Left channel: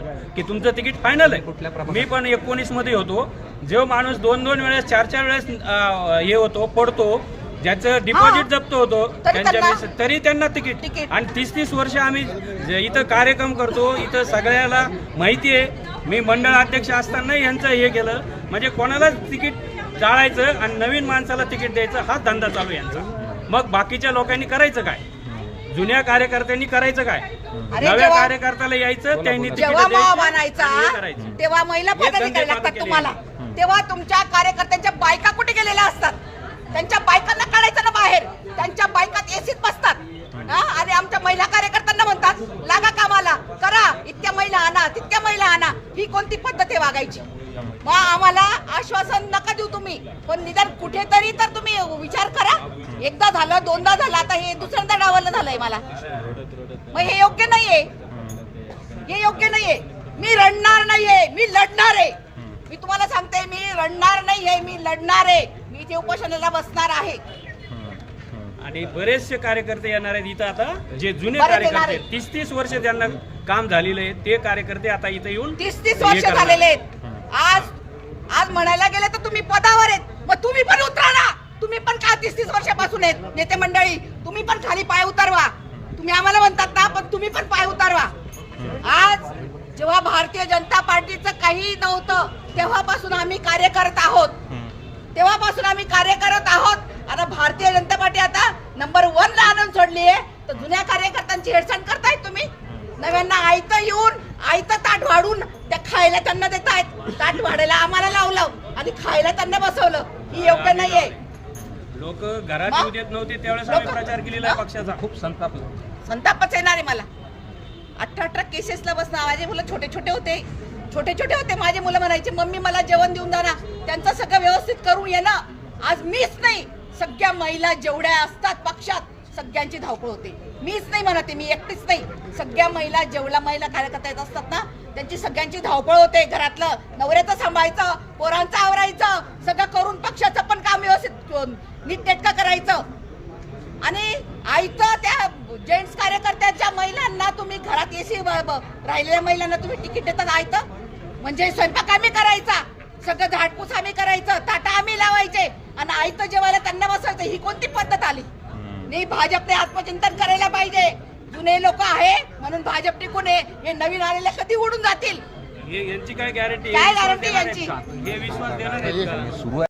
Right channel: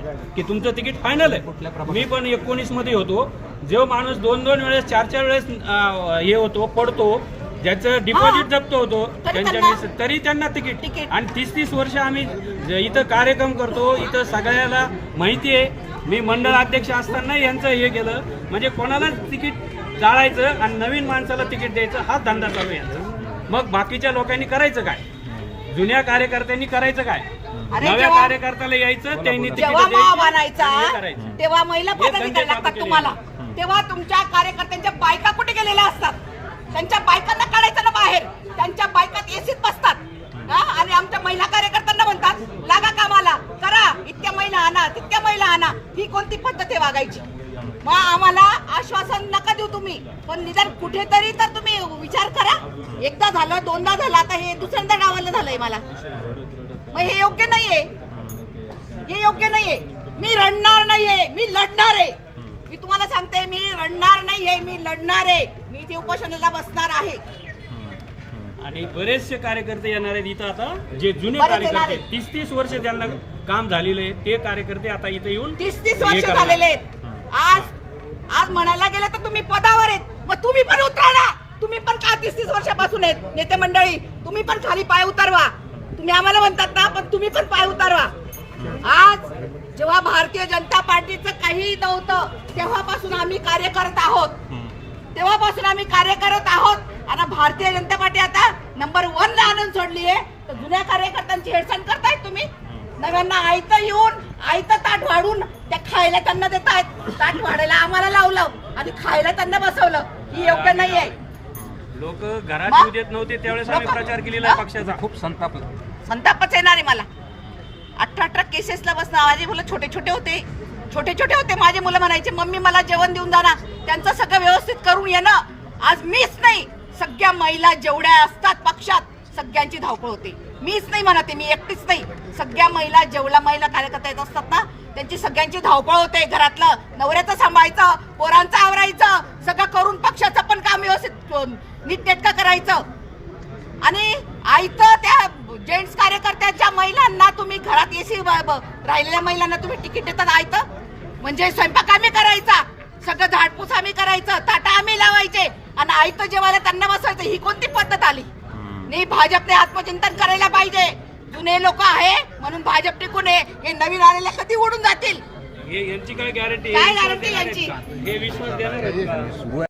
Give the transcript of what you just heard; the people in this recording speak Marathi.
सांगितलं की तुमचं तिकीट फायनल आहे। मी पण 19 मध्ये होतो, जो माणूस 2-2 वेळेस 4-4 वेळेस हे होतो पडतो, ज्याचं डिपॉझिट जप्त होतो तरी त्यांना तिकीट। आणि 30-30 वर्ष आम्ही इथं कार्यक्रम करतो, इथं सगळ्याला माहिती आहे। मी मंडळ अध्यक्ष असताना यांचं हे केलं, म्हणजे कोणालाच तिकीट टाळायचं आणि नवीन माणसाला तिकीट द्यायचं हा धंदा चालू आहे यांचा। मग बाकीच्या लोकांनी करायचं काय? जुन्या कार्यकर्त्यांनी करायचं काय? नव्या कार्यकर्त्याला यायचं, त्यांनी जेव्हा मावा मानायचा तेव्हा महिला पदाधिकारी लागतात तुम्हाला, तेव्हा तुमच्या कार्यकर्त्यांच्या बायका कुठे गेलेल्या असतात? त्यांच्या बायकांना काढायचं ना बाहेर, त्यांच्या बायकात एसीत बसतात आणि आमच्या महिला कार्यकर्त्यांना म्हणतात लागा कामाला, करा, इतक्या महिला आणा, तितक्या महिला आणा। ही कोणती पद्धत आहे वागायची? मग आम्हाला आश्वासन नका देऊ तुम्ही, पण निदान कुठेतरी तर तुम्ही विचार करा। एकदा झालं, दोनदा झालं, आता हे दुसऱ्यांदा डावललं झालंय मला। मग हे योग्य नाहीये, हे योग्य नाहीये। मी रडणार नाहीये, मी लढणार आहे। मी तुम्हाला सांगते, मी रडणार नाहीये, मी लढणार आहे। मी इथे उपोषणाला बसणार आहे। आणि बरेचसे कार्यकर्ते येणार आहेत इथं आता, जे जुने कार्यकर्ते 30-30 वर्ष त्यांना काम झालेलं आहे, ते कार्यकर्ते आता इथं येऊन 30-30 वर्ष झालेले आहेत। आज म्हणायला गेले तर तुम्ही पदावर आहेत, मग तुम्ही पण उतरा ना। तुम्ही पण काय 30-30 वर्षापासून आहेत नेते मंडळी, तुम्ही पण खाली पाय उतरवा। तुम्ही आम्हाला म्हणतात ना, पण तुम्ही पण पाय उतरवा। आज जेव्हा भारतीय जनता पार्टीचं काही नव्हतं तेव्हापासून आम्ही कार्य करत आहोत, तेव्हापासून आम्ही कार्य करत आहोत। आता भारतीय जनता पार्टी आता नंबर 1 ला आणून सोडली आहे, तर जुन्या कार्यकर्त्यांची हेळसांड करतायत तुम्ही। नव्यांना आयतं येऊन आयतं ताट वाढून त्या खायला त्यांना देतायत, ताट वाढायला आम्हाला लावलं आणि खायला त्यांना बसवलं। ही योग्य नाहीये। लोक घरात येऊ देत नव्हते त्यावेळेस आम्ही प्रचार केलेला आहे पक्षाचा। खूप संतापच येणार आहे मला। 18 केसेसला बसणार। माझे मुलं छोटे छोटे होते, माझे मुलं म्हणायचे मम्मी मला जेवण देऊन जा ना। त्यांचं सगळं व्यवस्थित करून येणं, आज मीच नाही, सगळ्या महिला जेवढ्या असतात पक्षात सगळ्यांची धावपळ होते। मीच नाही म्हणते, मी एकटीच नाही, सगळ्या महिला जेवढ्या महिला कार्यकर्ता येत असतात ना, त्यांची सगळ्यांची धावपळ होते। घरातलं नवऱ्याचं सांभाळायचं, पोरांचं आवरायचं, सगळं करून पक्षाचं पण काम व्यवस्थित नीटनेटकं करायचं। आणि आयतं त्या जेंट्स कार्यकर्त्याच्या महिलांना तुम्ही घरात एसी राहिलेल्या महिलांना तुम्ही तिकीट देतात आयतं, म्हणजे स्वयंपाक आम्ही करायचा, सगळं झाडपूस आम्ही करायचं, ताटा आम्ही लावायचे आणि आयतं जेवायला त्यांना बसवायचं। ही कोणती पद्धत आली? नाही, भाजपने आत्मचिंतन करायला पाहिजे। जुने लोक आहे म्हणून भाजप टिकून आहे, हे नवीन आलेले कधी उडून जातील? यांची काय गॅरंटी? काय गॅरंटी यांची? हे विश्वास देणार